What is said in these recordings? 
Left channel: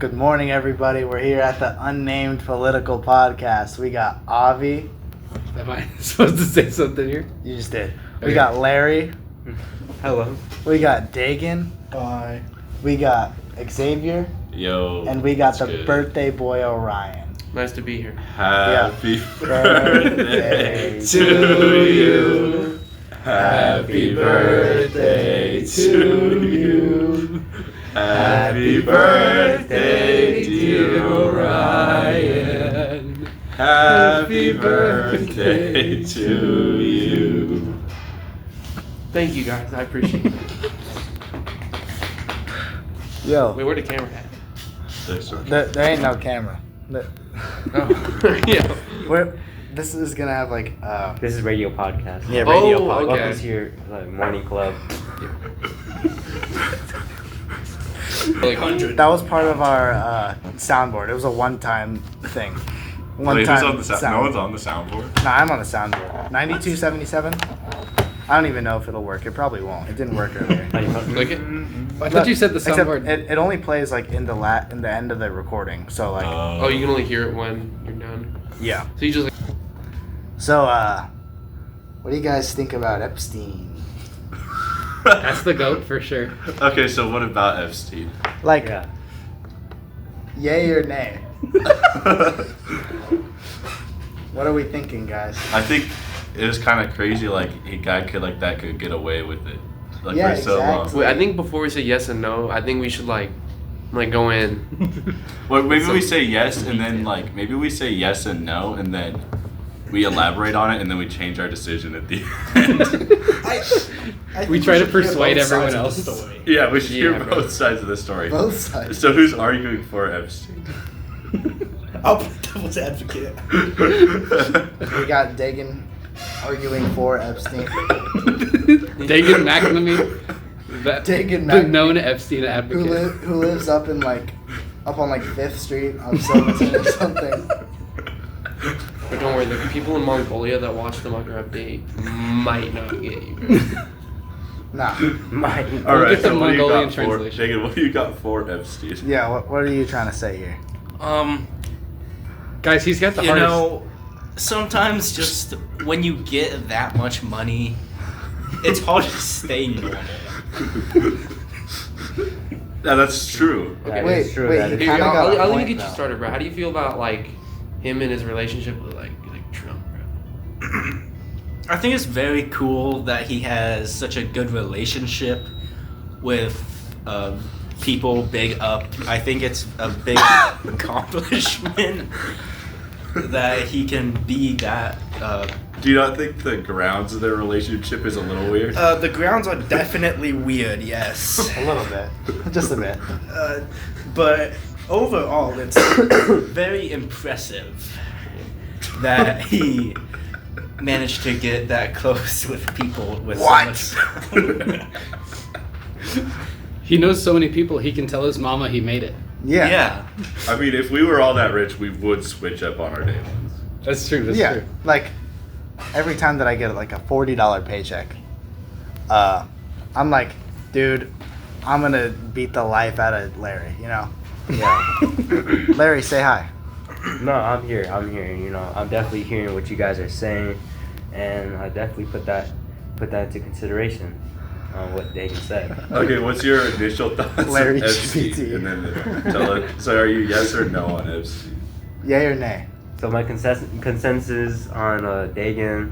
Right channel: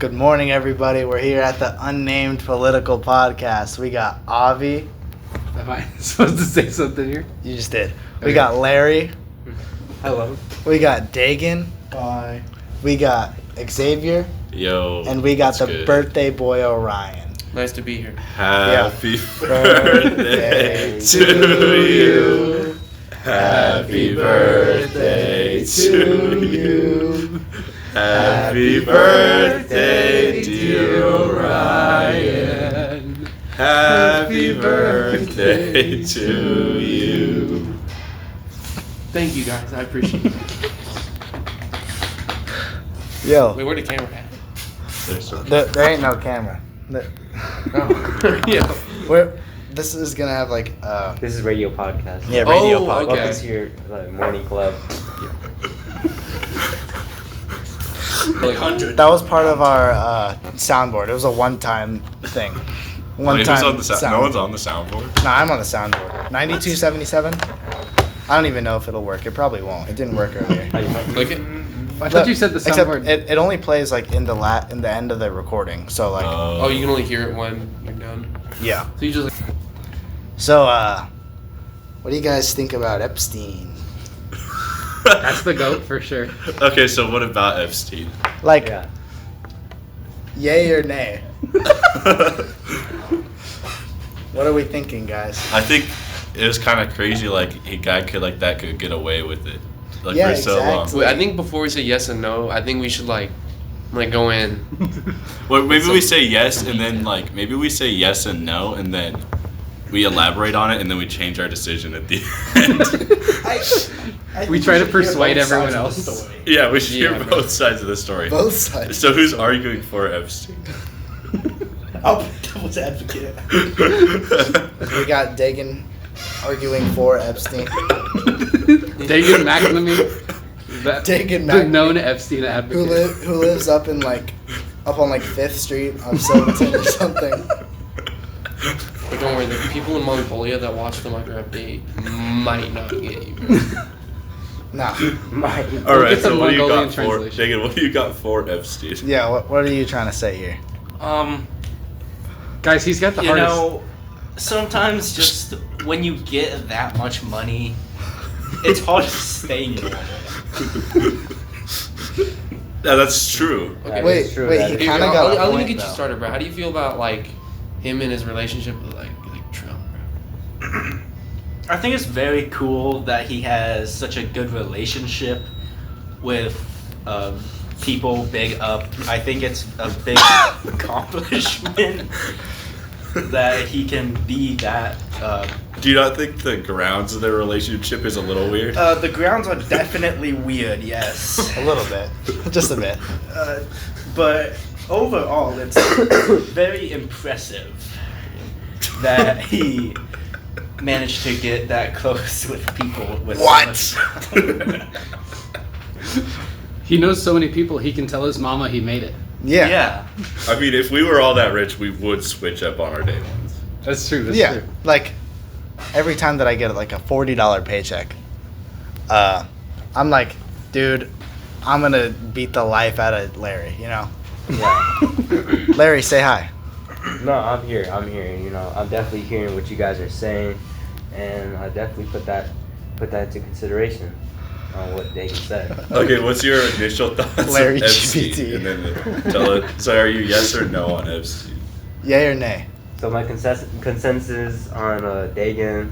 Good morning, everybody. We're here at the Unnamed Political Podcast. We got Avi. Am I supposed to say something here? You just did. We Okay. got Larry. Hello. We got Dagan. Bye. We got Xavier. Yo. And we got the good? birthday boy Orion. Nice to be here. Happy Birthday birthday to you. Happy birthday to you. Happy birthday, dear Orion. Happy birthday to you. Thank you guys. I appreciate it. Yo, Wait, where the camera at? there ain't no camera. Oh. Yeah. This is gonna have like This is radio podcast. yeah, radio Oh, podcast. okay. Welcome to your morning club. Like, That was part of our soundboard. It was a one-time thing. Wait, who's on the sound. no one's on the soundboard. No, I'm on the soundboard. 9277. I don't even know if it'll work. It probably won't. It didn't work earlier. click it. I thought you said the Except soundboard. It only plays like in the end of the recording. So like Oh, you can only hear it when you're done. yeah. So you just like. So what do you guys think about Epstein? That's the goat for sure. Okay, so what about Epstein? Like Yeah. yay or nay? What are we thinking, guys? I think it was kind of crazy. Like a guy could get away with it, like Yeah, for so exactly. long. Wait, I think before we say yes and no, I think we should like go in. Well, maybe So- we say yes, and then maybe we say yes and no, and then we elaborate on it, and then we change our decision at the end. We try to persuade everyone else. Yeah, we should hear Yeah, bro. both sides of the story. Both sides. So who's arguing for Epstein? Oh, devil's advocate. We got Dagan arguing for Epstein. Dagan McNamee, Dagan the McNamee. known Epstein advocate. Who lives up on 5th Street of Silverton or something. But don't worry, the people in Mongolia that watch the Micro Update might not get you. Nah. All right, get some so what do you Mongolian got for translation. Dagan? What do you got for Epstein? Yeah, what are you trying to say here? Guys, he's got the You hardest. know, sometimes just when you get that much money, it's hard to stay normal. Yeah, that's true. Okay. Wait, is true, wait, that you is Here, kinda I'll, got a I'll let me point, get you though. started, bro. How do you feel about him and his relationship with like Trump, bro? I think it's very cool that he has such a good relationship with people big up. I think it's a big accomplishment that he can be that. Do you not think the grounds of their relationship is a little weird? The grounds are definitely weird, yes. A little bit. Just a bit. But overall, it's very impressive that he managed to get that close with people with so What? much- He knows so many people. He can tell his mama he made it. Yeah. I mean, if we were all that rich, we would switch up on our day ones. That's true. That's Yeah. true. Like every time that I get like a $40 paycheck, I'm like, dude, I'm gonna beat the life out of Larry, you know? Yeah. Larry, say hi. No, I'm here. You know, I'm definitely hearing what you guys are saying, and I definitely put that into consideration on what Dagan said. Okay, what's your initial thoughts Larry on Epstein? GPT. And then tell it. So, are you yes or no on Epstein? Yay or nay? So my consensus on Dagan,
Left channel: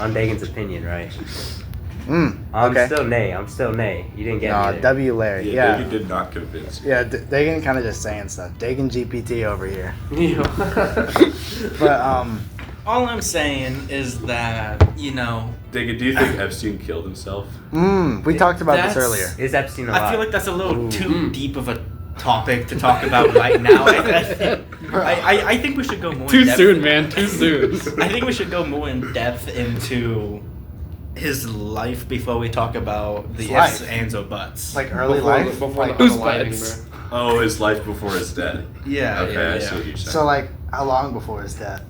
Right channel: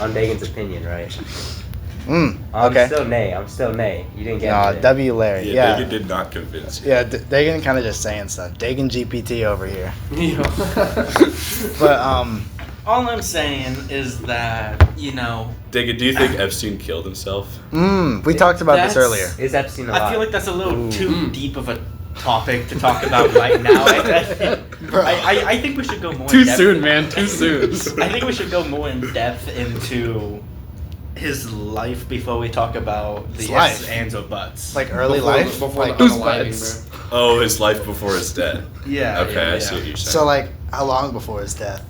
on Dagan's opinion, right? I'm Okay. still nay. You didn't get me there. W Larry. Yeah, Yeah. Dagan did not convince you. Yeah, Dagan kind of just saying stuff. Dagan GPT over here. You know? But All I'm saying is that, you know, Dagan, do you think Epstein killed himself? we talked about this That's- earlier. Is Epstein alive? I feel like that's a little Ooh. too deep of a topic to talk about right now. I think we should go more Too in depth. soon, man. Too soon. I think we should go more in depth into his life before we talk about the His ifs, life? ands, or buts. like early before life. before like, the Who's unaliving, butts? bro. Oh, his life before his death. Yeah. Okay, yeah, I see yeah. what you're saying. so like how long before his death?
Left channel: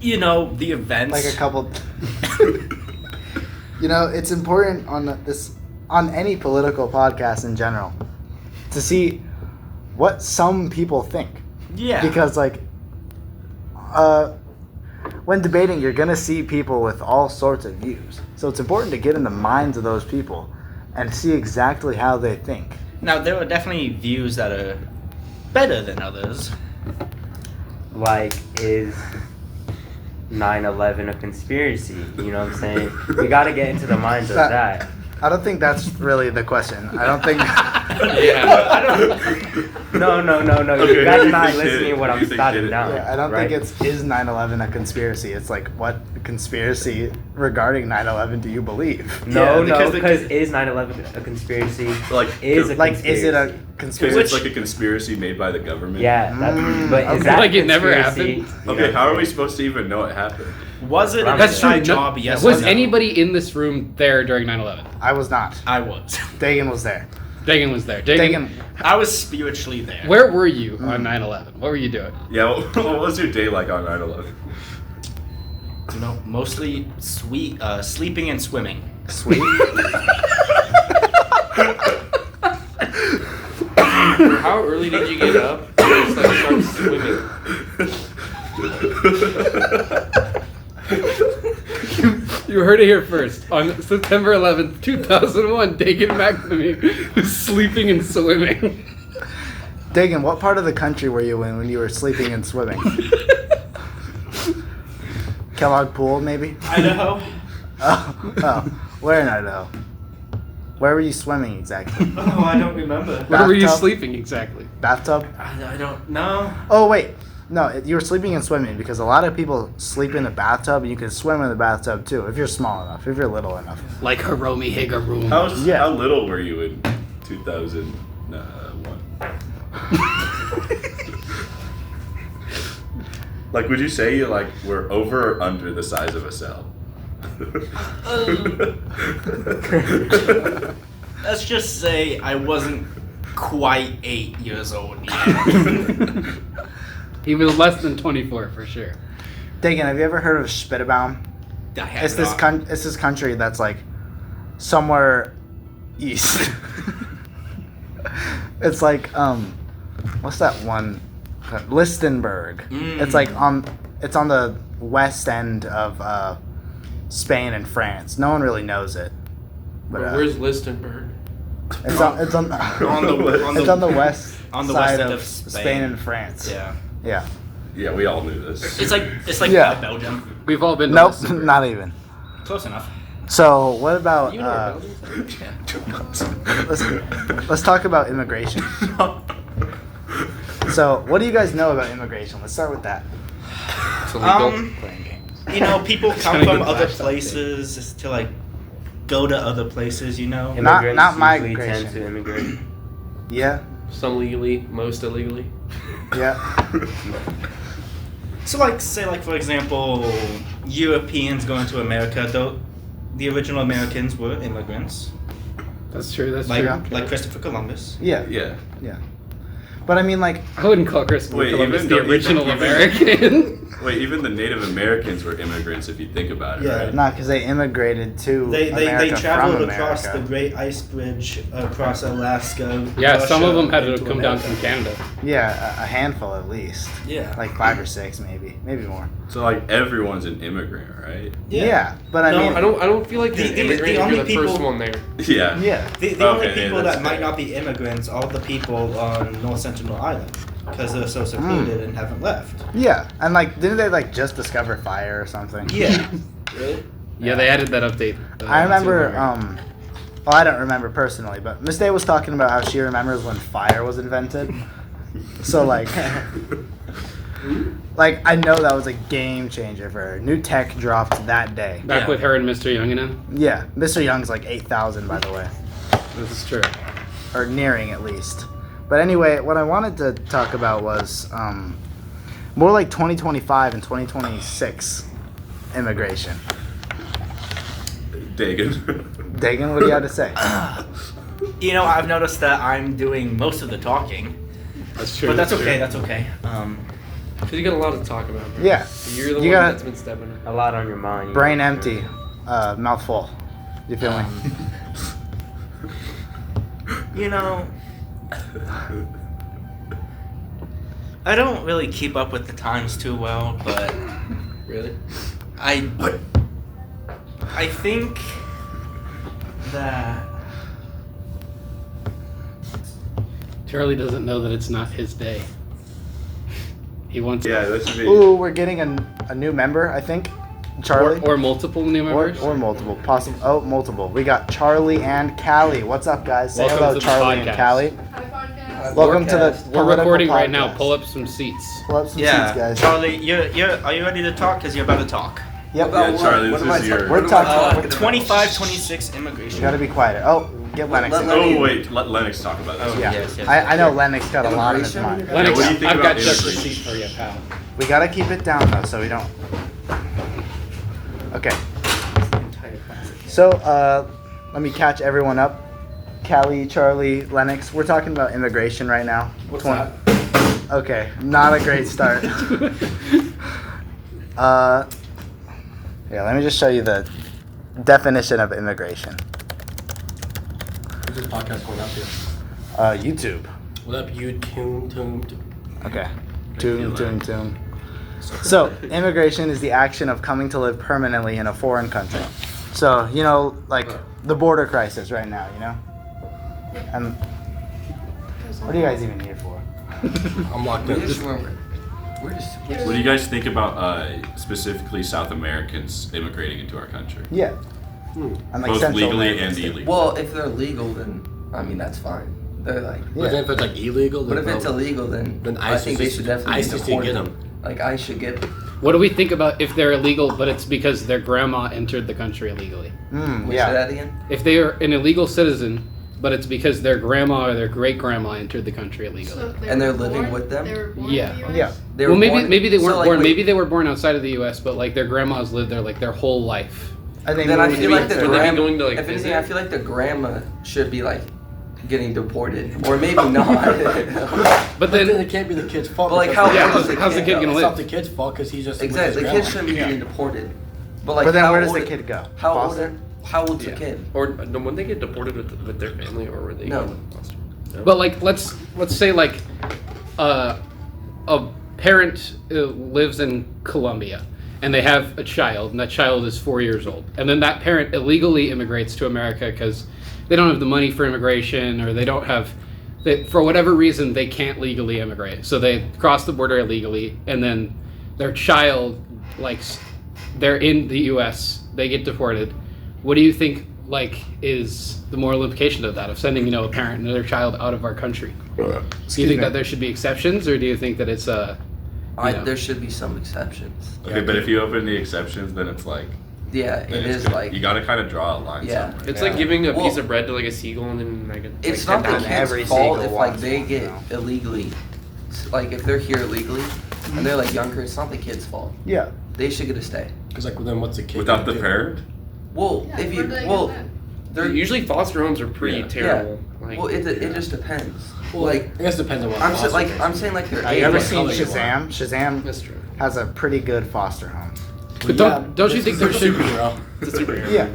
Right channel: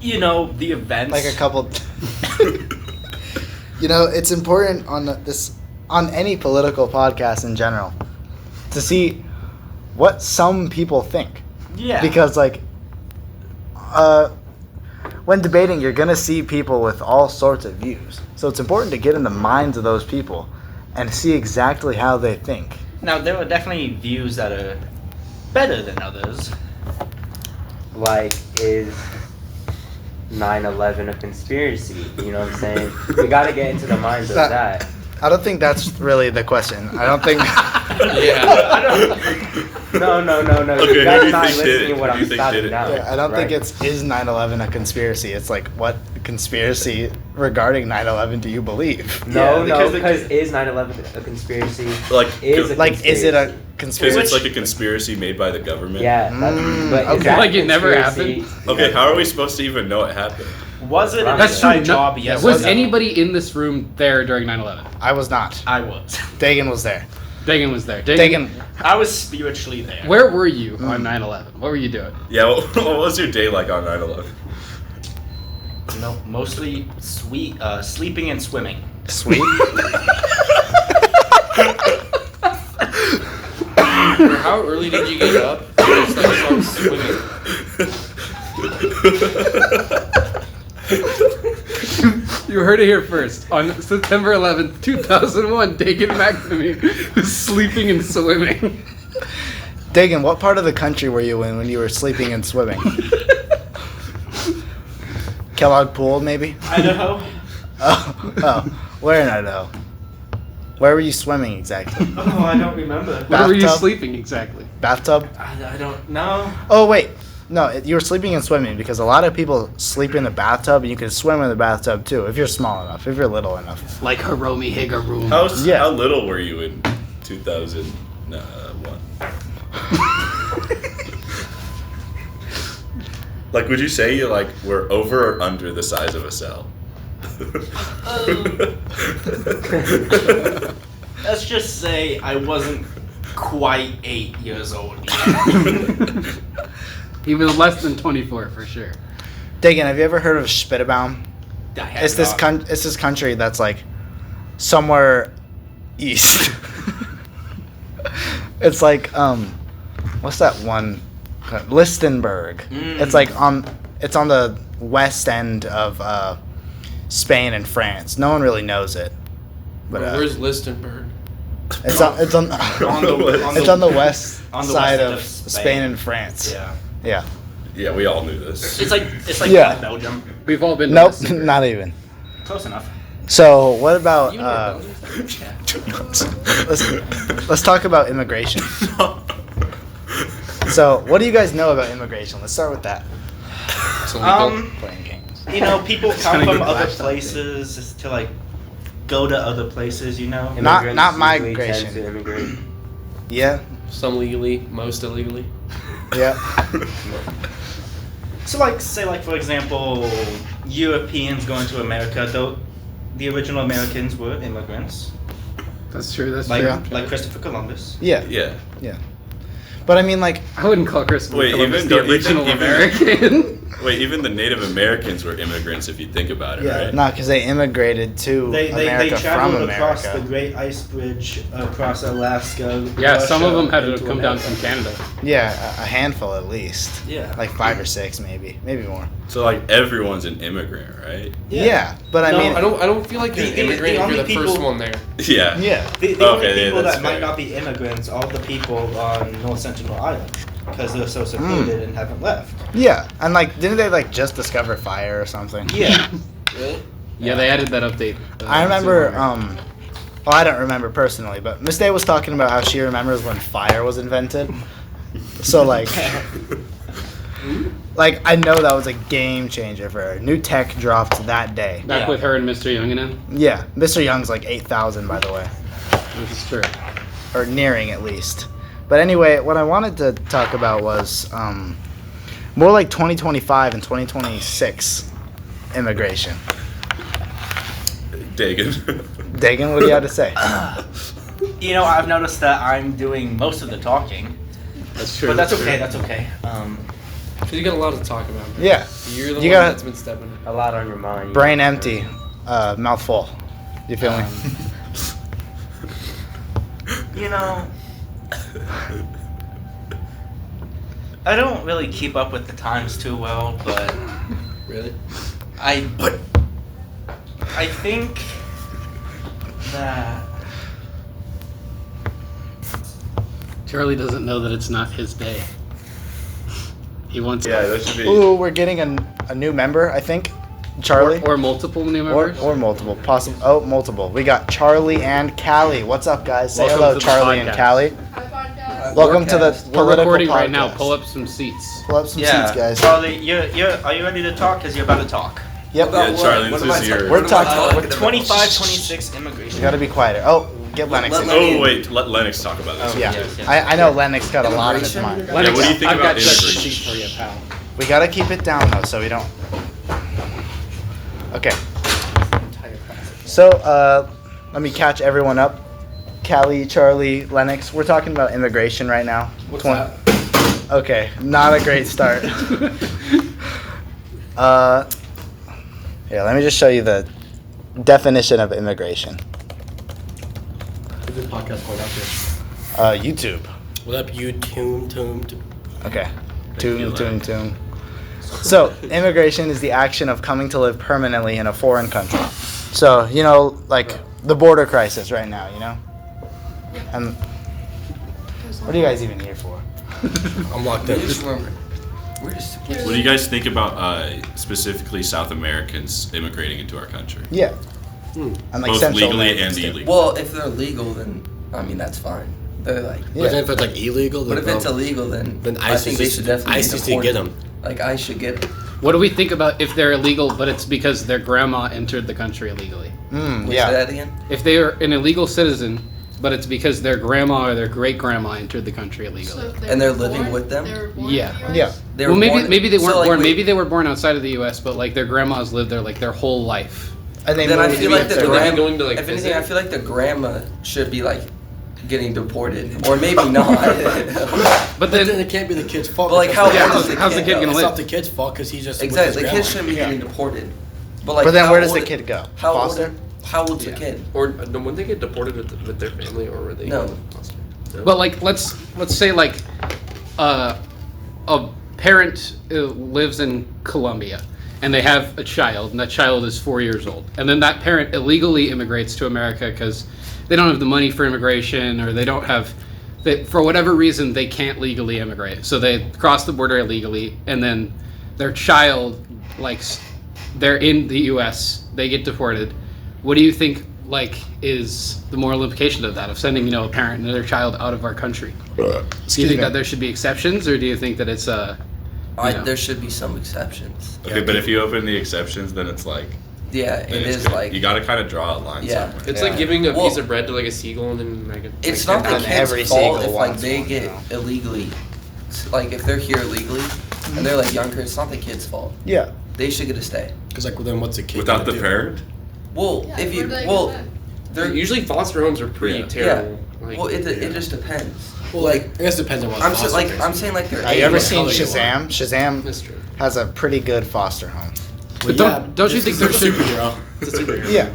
You know, the events. Like a couple. You know, it's important on this on any political podcast in general to see what some people think. Yeah. Because like when debating, you're gonna see people with all sorts of views. So it's important to get in the minds of those people and see exactly how they think. Now, there are definitely views that are better than others. Like, is 9/11 a conspiracy? You know what I'm saying? We gotta get into the minds of that. I don't think that's really the question. I don't think. No. Okay, You who guys do you not think did listening it? to what Who do I'm you think starting did it? down. Yeah, I don't think it's is 9/11 a conspiracy. It's like what conspiracy regarding 9/11 do you believe? No, Yeah, because is 9/11 a conspiracy? Like, Is a Like, is it a because conspiracy? it's like a conspiracy made by the government. Yeah, that's, but is okay. that Like it never conspiracy? Okay, how are we supposed to even know it happened? Was it an That's true. inside job? Yes. Was or no? anybody in this room there during 9/11? I was not. I was. Dagan was there. Dagan was there. Dagan, I was spiritually there. Where were you on 9/11? What were you doing? Yeah, what was your day like on 9/11? No, mostly sleeping and swimming. sweet. How early did you get up? Just like start swimming. You heard it here first. On September 11th, 2001, Dagan McNamee was sleeping and swimming. Dagan, what part of the country were you in when you were sleeping and swimming? Kellogg Pool, maybe? Idaho. Oh, where in Idaho? Where were you swimming exactly? Oh, I don't remember. Where were you Bathtub? sleeping exactly? Bathtub? I don't know. Oh, wait. No, you were sleeping and swimming because a lot of people sleep in the bathtub and you can swim in the bathtub too if you're small enough, if you're little enough. Like Hiromi Higaroom. Yeah. How little were you in 2001? Like, would you say you like were over or under the size of a cell? Let's just say I wasn't quite 8 years old yet. He was less than 24 for sure. Dagan, have you ever heard of Spittebaum? I have It's this not. it's this country that's like somewhere east. It's like what's that one? Lichtenberg. It's like it's on the west end of Spain and France. No one really knows it. But Where's Lichtenberg? it's on it's on it's on the west on the side west of of Spain Spain. and France. Yeah. Yeah. Yeah, we all knew this. It's like Yeah. by Belgium. We've all been to Nope, Lichtenberg. not even. Close enough. So what about You know where Belgium is? Yeah. let's talk about immigration. So what do you guys know about immigration? Let's start with that. It's illegal. Playing games. You know, people come kinda from get other lax places to like go to other places. You know. Not- Immigrants not usually migration. tend to immigrate. Yeah. Some legally, most illegally. Yeah. So, like, say, like for example, Europeans going to America. Though the original Americans were immigrants, That's true. That's like true. like Christopher Columbus. Yeah. Yeah. Yeah. But I mean, like, I wouldn't call Christopher Wait, Columbus even the though- original even- American. Wait, even the Native Americans were immigrants if you think about it, Yeah. right? no, because they immigrated to They America traveled from across America. the Great Ice Bridge across Alaska. Yeah, some of Russia, them had to into come down America. from Canada. Yeah, a handful at least. Yeah. Like 5 or 6, maybe more. So like everyone's an immigrant, right? Yeah, but I No, mean, I don't feel like The- you're an the- immigrant the if only you're the first people- one there. Yeah. Yeah. The only Okay, yeah, people that's that might fair. not be immigrants are the people on North Sentinel Island because they're so secluded and haven't left. Yeah, and like, didn't they like just discover fire or something? Yeah. Really? Yeah, they added that update. I remember. Well, I don't remember personally, but Miss Day was talking about how she remembers when fire was invented. So like, like I know that was a game changer for her. New tech dropped that day. back Yeah. with her and Mr. Young and him. Yeah, Mr. Young's like 8,000 by the way, This is true. or nearing at least. But anyway, what I wanted to talk about was more like 2025 and 2026 immigration. Dagan. Dagan, what do you have to say? You know, I've noticed that I'm doing most of the talking, That's true. but that's true. okay. That's okay. Because you got a lot to talk about. Man. Yeah, You're the You one got- that's been stepping in. A lot on your mind. brain empty, mouth full. You feel me? You know, I don't really keep up with the times too well, but Really? I think that Charlie doesn't know that it's not his day. He wants Yeah, that should be. Ooh, we're getting a new member, I think. Charlie. or multiple new members. Or multiple. Possible. Oh, multiple. We got Charlie and Callie. What's up, guys? Say Welcome hello, to the Charlie and podcast. Callie. Welcome to the We're political recording right now. podcast. Pull up some seats. Pull up some yeah, seats, guys. Charlie, are you ready to talk? Because you're about to talk. Yep. Yeah, Charlie, this is your. We're talking. 25-26 immigration. We gotta be quieter. Oh, get Lennox in. Oh wait, let Lennox talk about this. Yeah, Yes, yes. I know Lennox got a lot on his mind. Lennox, what do you think I've about got just a immigration? seat for you, pal. We gotta keep it down though, so we don't. Okay. So, let me catch everyone up. Callie, Charlie, Lennox. We're talking about immigration right now. What's Twen- Okay, not a great start. Yeah, let me just show you the definition of immigration. What's this podcast going up to? YouTube. What up, you tune? Okay. Tune. So, immigration is the action of coming to live permanently in a foreign country. So, you know, like the border crisis right now, you know? And what are you guys even here for? I'm locked We in. just remember. What do you guys think about specifically South Americans immigrating into our country? Yeah. And like Both Central legally Americans and too. illegally. Well, if they're legal, then I mean that's fine. They're like, But if it's like illegal, but if then it's no. illegal, then Then I think they ICC should definitely ICC be get deported. them. Like I should get. What do we think about if they're illegal, but it's because their grandma entered the country illegally? Say Yeah. that again. If they are an illegal citizen, but it's because their grandma or their great grandma entered the country illegally. And they're living with them? They were born Yeah. in the US? Yeah. They Well, were maybe born- maybe they weren't so, like, born. wait, Maybe they were born outside of the U.S., but like their grandmas lived there like their whole life. And they Then I moved feel to like the Mexico. grandma. grandma. Going to, to, like, if anything, visit? I feel like the grandma should be like getting deported, or maybe not. But But then then, it can't be the kid's fault. But, like, because- how yeah, old is how's the kid gonna It's live? not the kid's fault because he's just Exactly, the with kid his shouldn't be Yeah. getting deported. But like, But then how where does old- the kid go? How old? Foster? How old's Yeah. the kid? Or When they get deported with their family, or were they? No. but like let's say like a parent lives in Colombia and they have a child, and that child is 4 years old, and then that parent illegally immigrates to America because they don't have the money for immigration, or they don't have. For whatever reason, they can't legally immigrate, so they cross the border illegally, and then their child, like, they're in the U.S., they get deported. What do you think, like, is the moral implication of that, of sending, a parent and their child out of our country? Do you Excuse think me. that there should be exceptions, or do you think that it's Yeah. There should be some exceptions. Okay, but if you open the exceptions, then it's like. Yeah, Then it it's is good. like You gotta kind of draw a line. Yeah. somewhere. It's Yeah. like giving a Well- piece of bread to like a seagull and then like it's like not the Not kid's every fault seagull if like wants they one, get illegally, like if they're here illegally and they're like younger, it's not the kid's fault. Yeah. They should get a stay. Because like, well, then what's the kid Without gonna the do? parent. Well, Yeah, if where you do they well, get that? they're usually foster homes are pretty Yeah. terrible. Like, well, it yeah. just depends. Well, Like I guess it depends on what. I'm foster like care I'm is. saying like they're. Have you ever what seen color you Shazam? Shazam that's true. has a pretty good foster home. But Well, don't you think there it's a should superhero? It's a superhero. Yeah.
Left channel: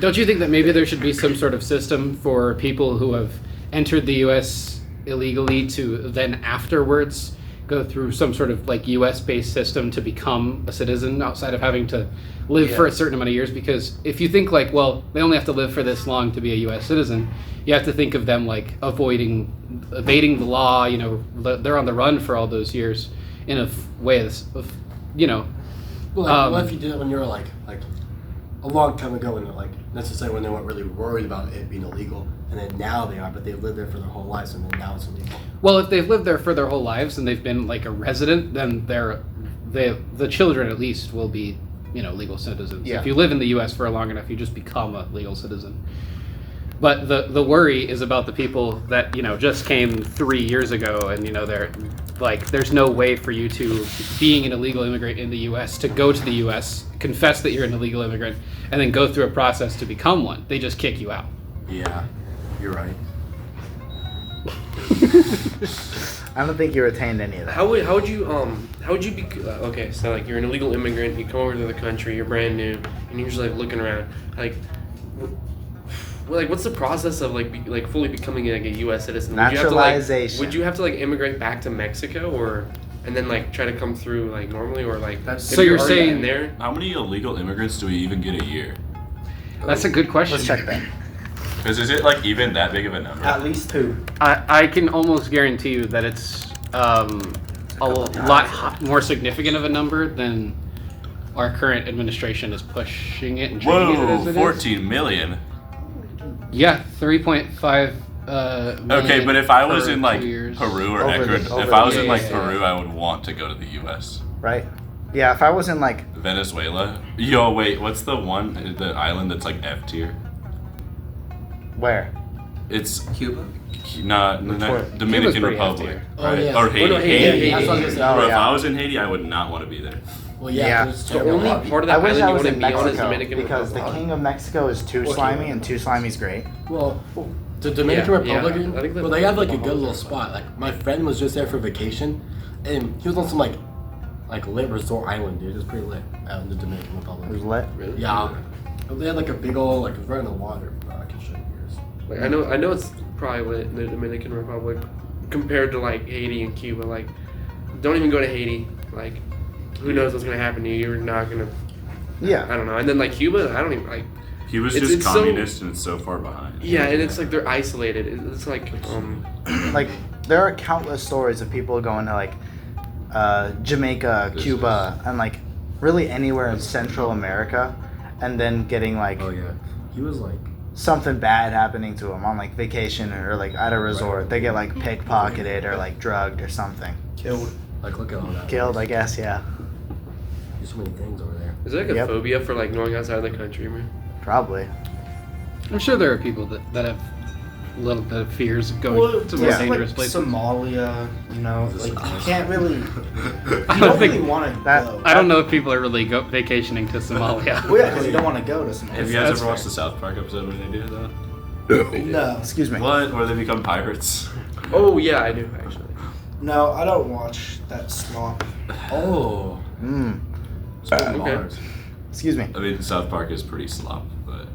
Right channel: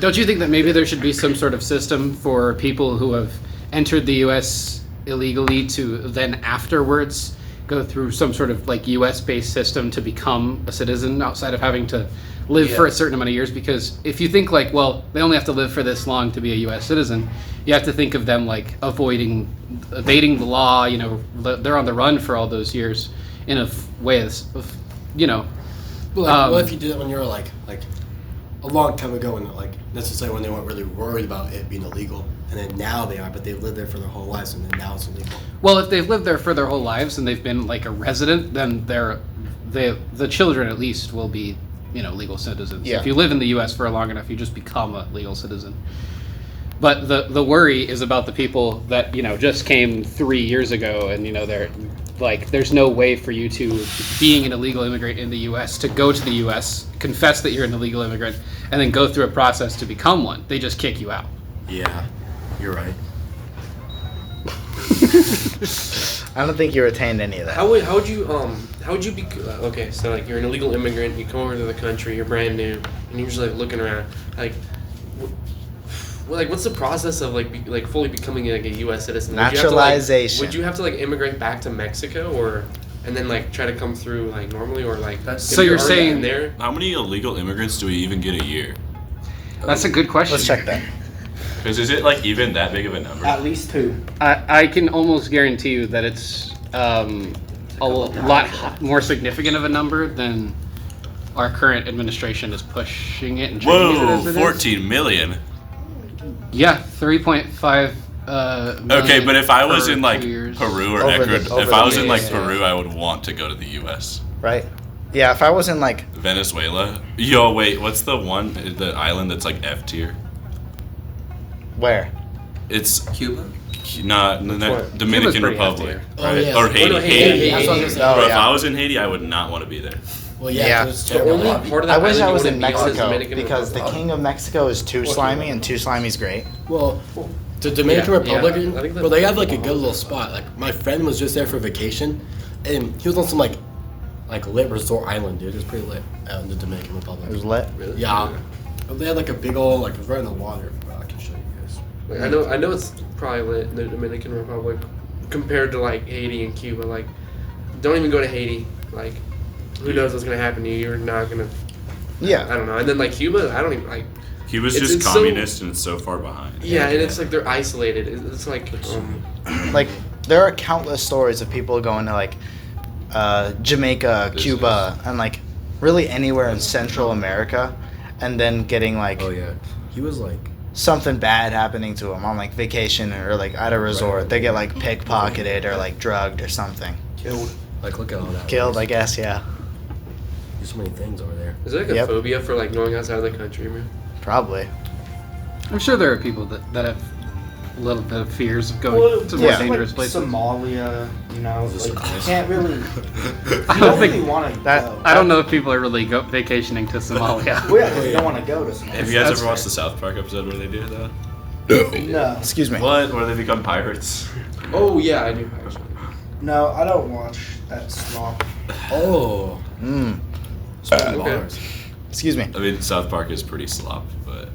Don't you think that maybe there should be some sort of system for people who have entered the U.S. illegally to then afterwards go through some sort of like U.S. based system to become a citizen outside of having to live for a certain amount of years? Because if you think like, well, they only have to live for this long to be a U.S. citizen, you have to think of them like evading the law. They're on the run for all those years in a way that's, Well, what if you did that when you were like a long time ago, and like necessarily when they weren't really worried about it being illegal, and then now they are, but they've lived there for their whole lives, and then now it's illegal. Well, if they've lived there for their whole lives and they've been like a resident, then the children at least will be, legal citizens. Yeah. If you live in the U.S. for long enough, you just become a legal citizen. But the worry is about the people that just came 3 years ago, and they're like, there's no way for you to, being an illegal immigrant in the U.S., to go to the U.S., confess that you're an illegal immigrant, and then go through a process to become one. They just kick you out. Yeah, you're right. I don't think you retained any of that. How would you be okay? So like you're an illegal immigrant, you come over to the country, you're brand new, and you're just like looking around. Like, Well, like, what's the process of like fully becoming like a U.S. citizen? Would you have to, Naturalization. would you have to like immigrate back to Mexico, or and then like try to come through like normally, or like? That's- if So you're already saying- in there? How many illegal immigrants do we even get a year? That's a good question. Let's check that. Because is it like even that big of a number? At least 2. I can almost guarantee you that it's a lot more significant of a number than our current administration is pushing it and treating it Whoa, as it is. 14 million. Yeah, 3.5. Okay, million but if I was per in like 2 years. Peru or Over Ecuador, the- if over I the was in like years, yeah. Peru, I would want to go to the U.S. Right? Yeah, if I was in like Venezuela. Yo, wait, what's the island that's like F tier? where? It's Cuba? Dominican Cuba's pretty Republic, F-tier. Oh, right? yeah. Or Oh, Haiti. no, Haiti. That's what I was gonna say. Bro, Oh, if yeah. I was in Haiti, I would not want to be there. Well, Yeah. yeah. it was The terrible. only part of I that wish island I you was want to in be on is Mexico Dominican because the Republic. king of Mexico is too slimy and too slimy's great. Well, the Dominican Yeah, Republic, I think well, they have like a good little spot. Like my friend was just there for vacation, and he was on some like lit resort island, dude. It was pretty lit out in the Dominican It was Republic. lit. Really? Yeah, but they had like a big old like it was right in the water. Well, I can show you guys. Like, I know it's probably lit in the Dominican Republic compared to like Haiti and Cuba. Like, don't even go to Haiti. Like, who knows what's gonna happen to you? You're not gonna. I Yeah. don't know. And then like Cuba, I don't even like. Cuba's It's- just it's so- communist and it's so far behind. Yeah, and it's like they're isolated. It's like Like there are countless stories of people going to like Jamaica, Business. Cuba, and like really anywhere in Central America, and then getting like Oh yeah, he was like something bad happening to them on like vacation or like at a resort. They get like pickpocketed or like drugged or something. killed. Like look at all that. Killed, I guess. Yeah, There's so many things over there. is there like a Yep. phobia for like going outside the country, man? probably. I'm sure there are people that have a little bit of fears of going to more yeah. dangerous places. Somalia, you know, like you can't really, you I don't don't really think want to that- go. I don't know if people are really vacationing to Somalia. Well, yeah, 'cause you don't want to go to Somalia. Have you guys That's ever watched the South Park episode where they do that? No, Excuse me. What? Where they become pirates? Oh yeah, I do actually. no, I don't watch that slop. Oh, Mm. speaking of Okay. bars. Excuse me. I mean, South Park is pretty slop, but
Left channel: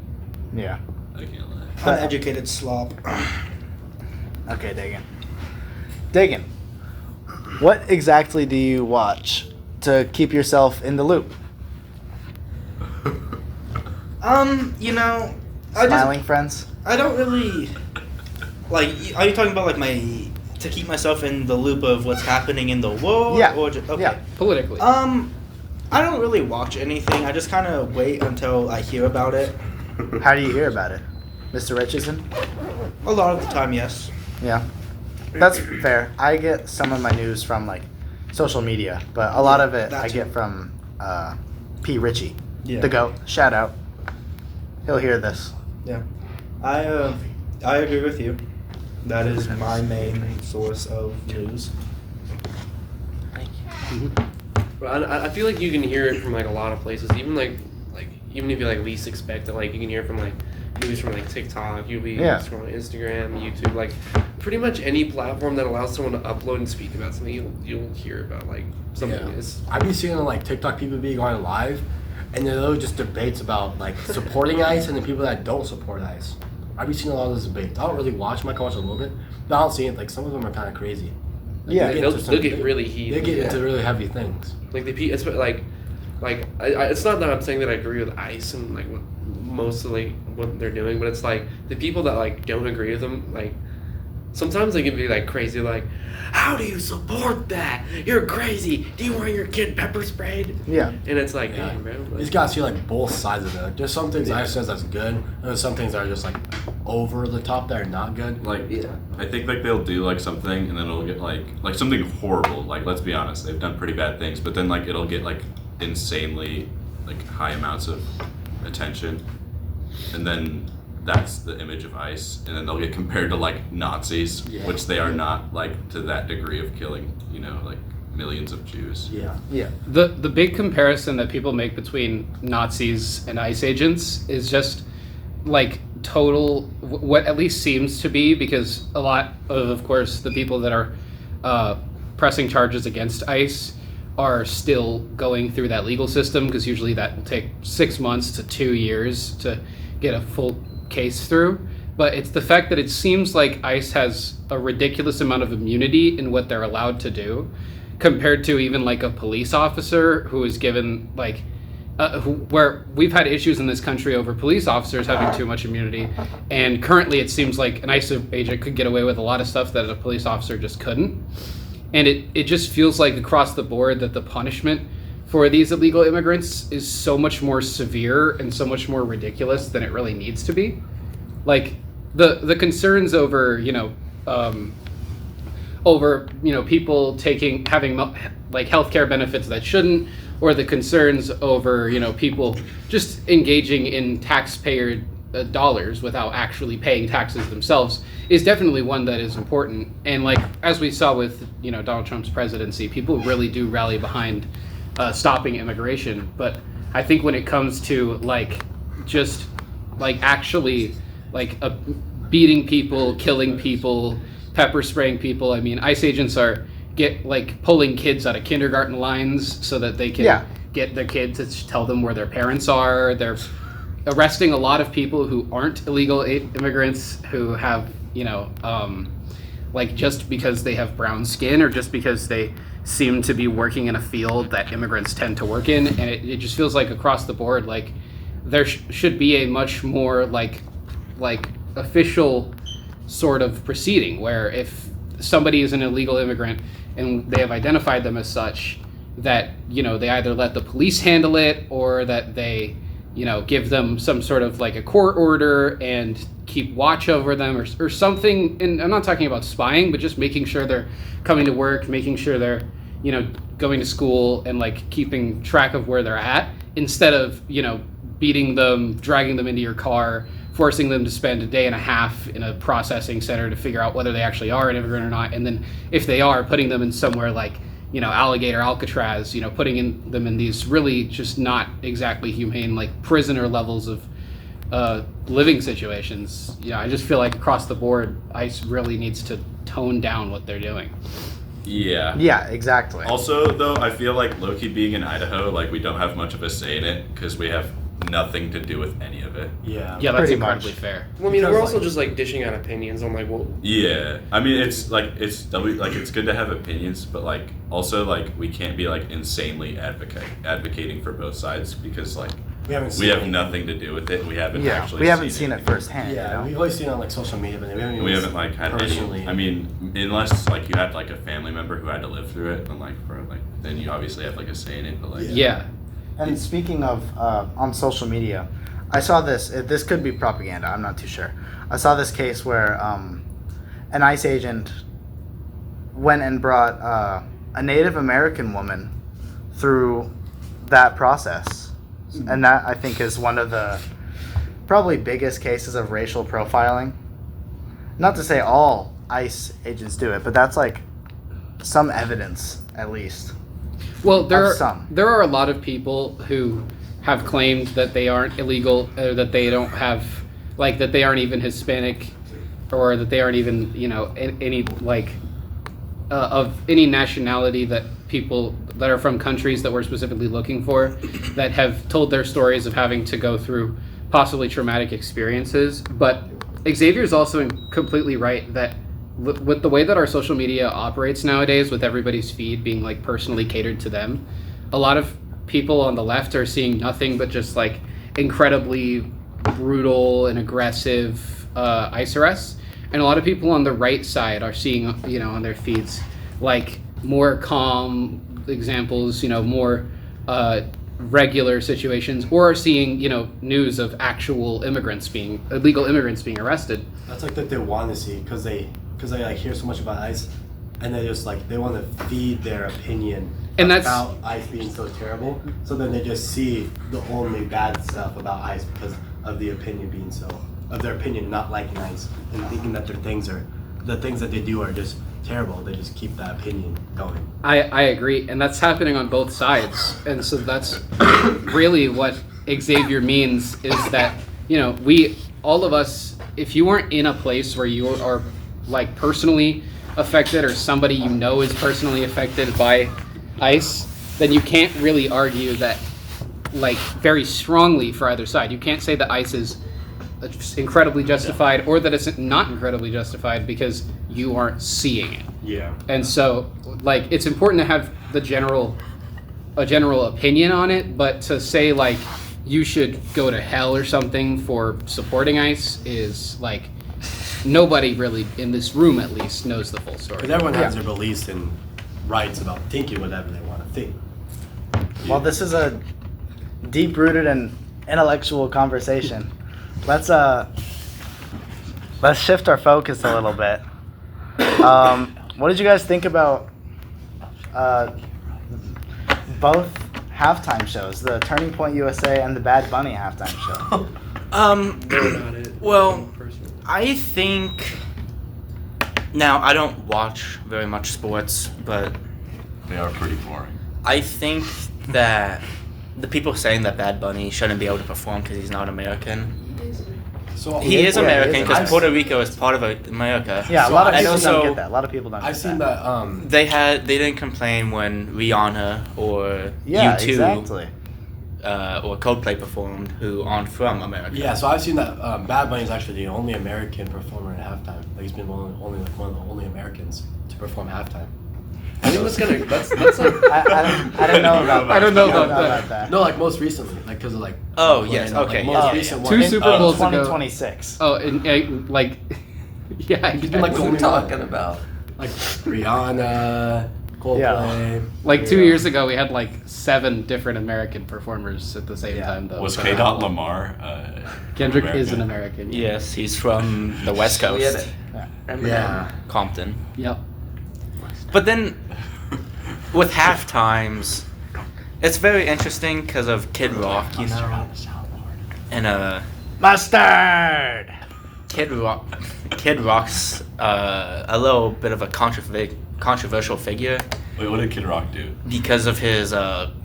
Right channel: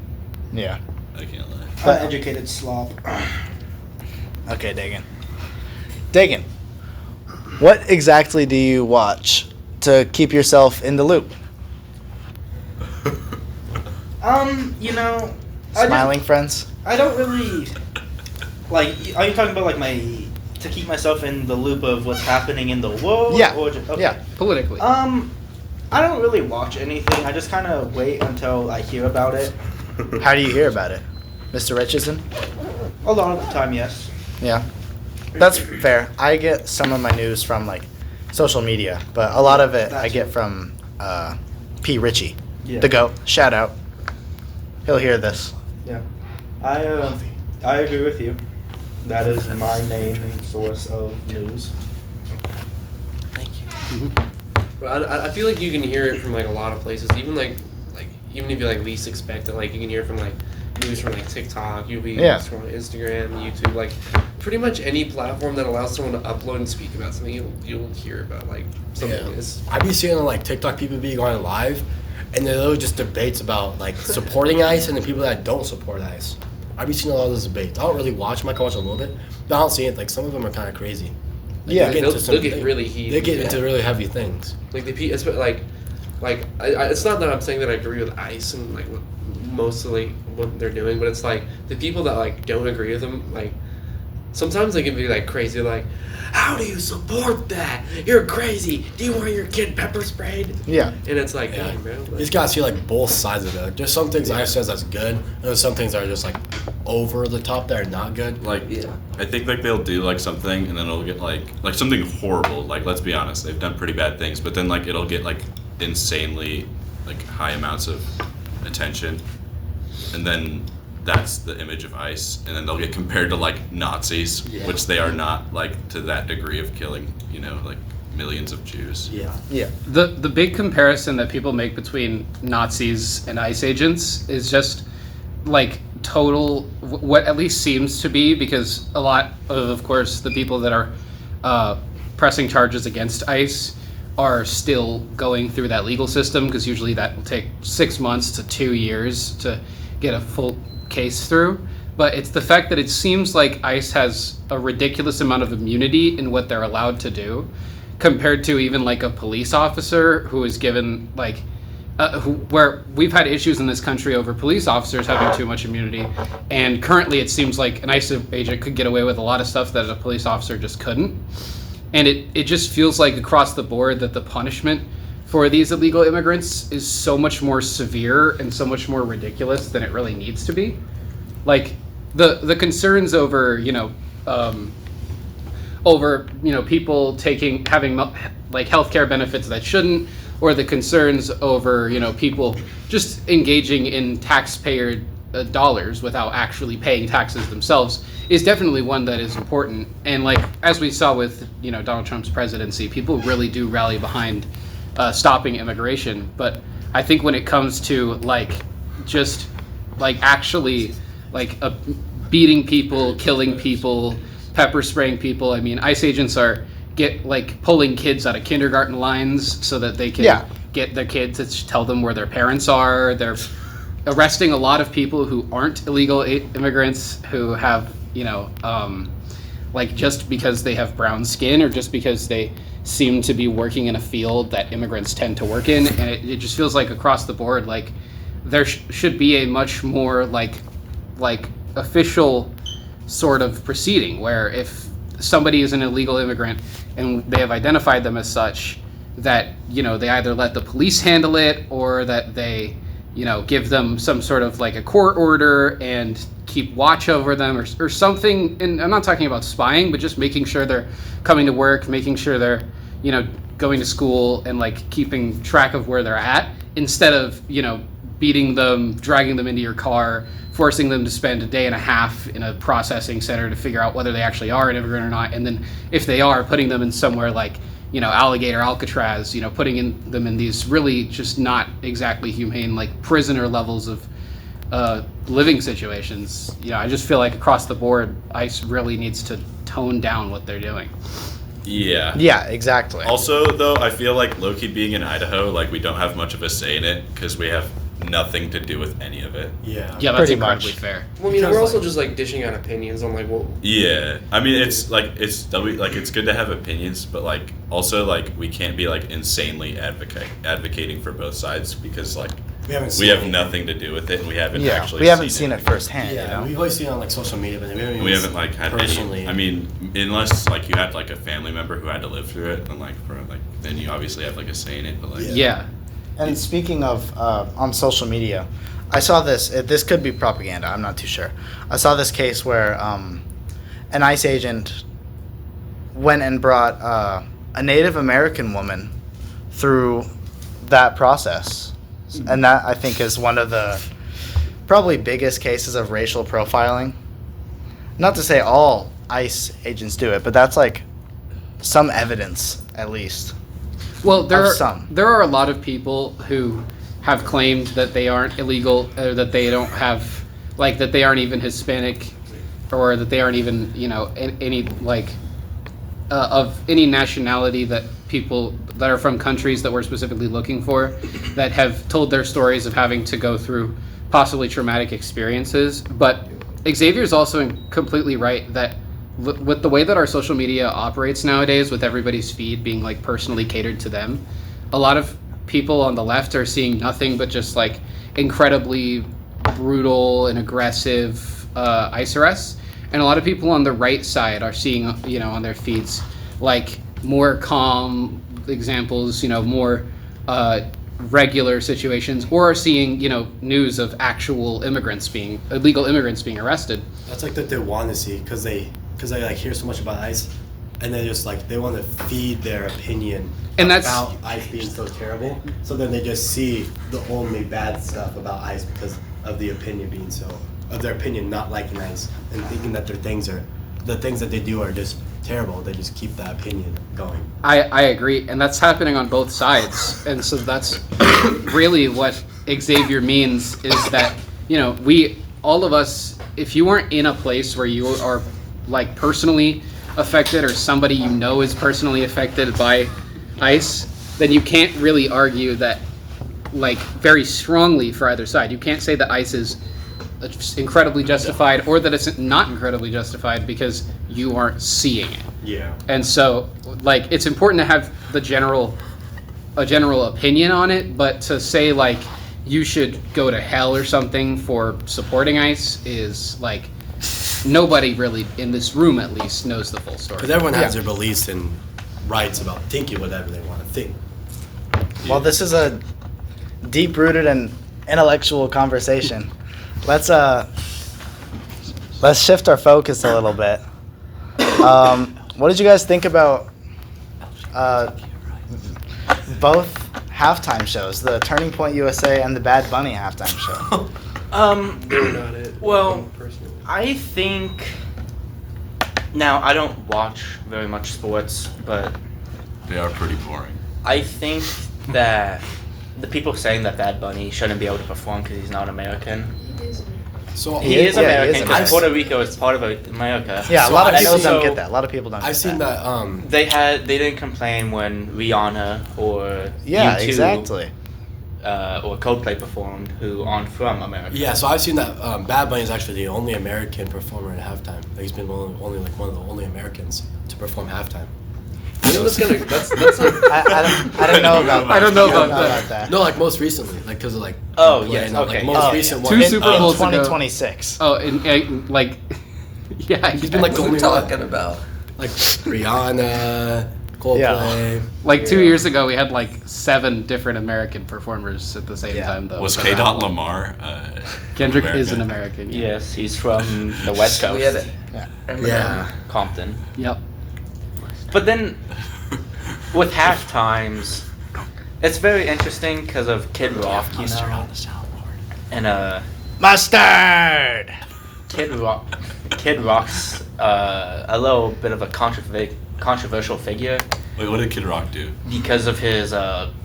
Yeah. I can't lie. Uneducated slop. Okay, Dagan. Dagan, what exactly do you watch to keep yourself in the loop? You know, I Smiling friends? I don't really like. Are you talking about like my to keep myself in the loop of what's happening in the world? Yeah. Or just, okay. Yeah. Politically. I don't really watch anything. I just kind of wait until I hear about it. How do you hear about it? Mr. Richardson? A lot of the time, yes. Yeah. That's fair. I get some of my news from like social media, but a lot of it I That's- get from P. Ritchie, Yeah. the GOAT. Shout out. He'll hear this. Yeah. I agree with you. That is my main source of news. But I feel like you can hear it from like a lot of places, even like even if you like least expect it, like you can hear from like news from like TikTok, you'll be Yeah. from Instagram, YouTube, like pretty much any platform that allows someone to upload and speak about something, you'll hear about like something. Yeah. It's I be seeing on like TikTok people be going live, and there are just debates about like supporting ICE and the people that don't support ICE. I be seeing a lot of those debates. I don't really watch them. I can watch a little bit, but I don't see it. Like some of them are kind of crazy. Like, Yeah, they they'll into some get thing- really heated. They get into really heavy things. Like it's like it's not that I'm saying that I agree with ICE and like what mostly what they're doing, but it's like the people that like don't agree with them, like sometimes they can be like crazy, like, how do you support that? You're crazy. Do you want your kid pepper sprayed? Yeah. And it's like, Yeah. dang, bro. You Like, just gotta see like both sides of it. There's some things ICE says that's good, and there's some things that are just like over the top that are not good. Like, I think like they'll do like something and then it'll get like something horrible. Like, let's be honest, they've done pretty bad things, but then like it'll get like insanely like high amounts of attention, and then that's the image of ICE, and then they'll get compared to like Nazis, which they are not like to that degree of killing, you know, like millions of Jews. Yeah. Yeah. The big comparison that people make between Nazis and ICE agents is just like total what at least seems to be, because a lot of course the people that are pressing charges against ICE are still going through that legal system, because usually that will take 6 months to 2 years to get a full case through, but it's the fact that it seems like ICE has a ridiculous amount of immunity in what they're allowed to do, compared to even like a police officer who is given like, where we've had issues in this country over police officers having too much immunity, and currently it seems like an ICE agent could get away with a lot of stuff that a police officer just couldn't. And it just feels like across the board that the punishment for these illegal immigrants is so much more severe and so much more ridiculous than it really needs to be. Like the concerns over people having like healthcare benefits that shouldn't, or the concerns over people just engaging in taxpayer dollars without actually paying taxes themselves is definitely one that is important. And like as we saw with Donald Trump's presidency, people really do rally behind stopping immigration. But I think when it comes to like just like actually like beating people, killing people, pepper spraying people, I mean, ICE agents are pulling kids out of kindergarten lines so that they can get their kids to tell them where their parents are. They're arresting a lot of people who aren't illegal immigrants, who have like just because they have brown skin or just because they seem to be working in a field that immigrants tend to work in. And it just feels like across the board, like there should be a much more like official sort of proceeding where if somebody is an illegal immigrant and they have identified them as such, that they either let the police handle it or that they give them some sort of like a court order and keep watch over them or something. And I'm not talking about spying, but just making sure they're coming to work, making sure they're going to school and like keeping track of where they're at, instead of beating them, dragging them into your car, forcing them to spend a day and a half in a processing center to figure out whether they actually are an immigrant or not, and then if they are, putting them in somewhere like Alligator, Alcatraz, putting them in these really just not exactly humane, like prisoner levels of living situations. I just feel like across the board, ICE really needs to tone down what they're doing. Yeah. Yeah, exactly. Also, though, I feel like low-key being in Idaho, like we don't have much of a say in it because we have nothing to do with any of it. Yeah. Yeah, that's Pretty incredibly much. fair. Well, I mean, Because, we're also like- just like dishing out opinions on like what. Yeah, I mean it's good to have opinions, but like also like we can't be like insanely advocating for both sides because like We haven't we seen have it. nothing to do with it and we haven't Yeah, actually we haven't seen it firsthand. Yeah, we've always seen it on like social media, but We haven't like had personally. any. I mean, unless like you had like a family member who had to live through it, and like then you obviously have like a say in it. But like Yeah. And speaking of on social media, I saw this. This could be propaganda. I'm not too sure. I saw this case where an ICE agent went and brought a Native American woman through that process, and that I think is one of the probably biggest cases of racial profiling. Not to say all ICE agents do it, but that's like some evidence at least. Well, there Of are some. there are a lot of people who have claimed that they aren't illegal, or that they don't have, like that they aren't even Hispanic, or that they aren't even any like of any nationality, that people that are from countries that we're specifically looking for, that have told their stories of having to go through possibly traumatic experiences. But Xavier's also completely right that with the way that our social media operates nowadays, with everybody's feed being like personally catered to them, a lot of people on the left are seeing nothing but just like incredibly brutal and aggressive ICE arrests, and a lot of people on the right side are seeing on their feeds like more calm examples, more regular situations, or are seeing news of actual illegal immigrants being arrested. That's like that they want to see because they like hear so much about ICE, and they just like they want to feed their opinion And that's- about ICE being so terrible. So then they just see the only bad stuff about ICE because of the opinion being of their opinion not liking ICE and thinking that the things that they do are just terrible. They just keep that opinion going. I agree, and that's happening on both sides. And so that's really what Xavier means, is that we, all of us, if you weren't in a place where you are like personally affected, or somebody is personally affected by ICE, then you can't really argue that like very strongly for either side. You can't say that ICE is it's incredibly justified or that it's not incredibly justified because you aren't seeing it. Yeah. And so, like, it's important to have a general opinion on it, but to say like you should go to hell or something for supporting ICE is like nobody really in this room at least knows the full story. Because everyone has their beliefs and rights about thinking whatever they want to think. Well, this is a deep-rooted and intellectual conversation. Let's shift our focus a little bit. What did you guys think about both halftime shows, the Turning Point USA and the Bad Bunny halftime show? They were not it. Well, personally. I think. Now, I don't watch very much sports, but They are pretty boring. I think that the people saying that Bad Bunny shouldn't be able to perform because he's not American. So He is yeah, he American is because American. Puerto Rico is part of America. Yeah, So a lot of I people see- don't get that. A lot of people don't I've get seen that. that. They didn't complain when Rihanna or Yeah, U2 exactly. or Coldplay performed who aren't from America. Yeah, so I've seen that Bad Bunny is actually the only American performer at halftime. Like he's been only like one of the only Americans to perform halftime. I think that's like I don't know about that. I don't know about that. No, like most recently, like because of like. Oh, Coldplay yes, and all, okay, Like, yeah. most recent Two one. Super Bowls ago. 2026. Oh, and like, yeah, He's been like the only one. about? Like Rihanna, Coldplay. like 2 years ago, we had like 7 different American performers at the same Yeah. time, though. Was So K. that- Dot Lamar? Kendrick is an American. Yeah. Yes, he's from the West Coast. We had Yeah. Compton. Yep. But then with half times, it's very interesting because of Kid Rock, you know, and Mustard. Kid Rock's a little bit of a controversial figure Wait, what did Kid Rock do? because of his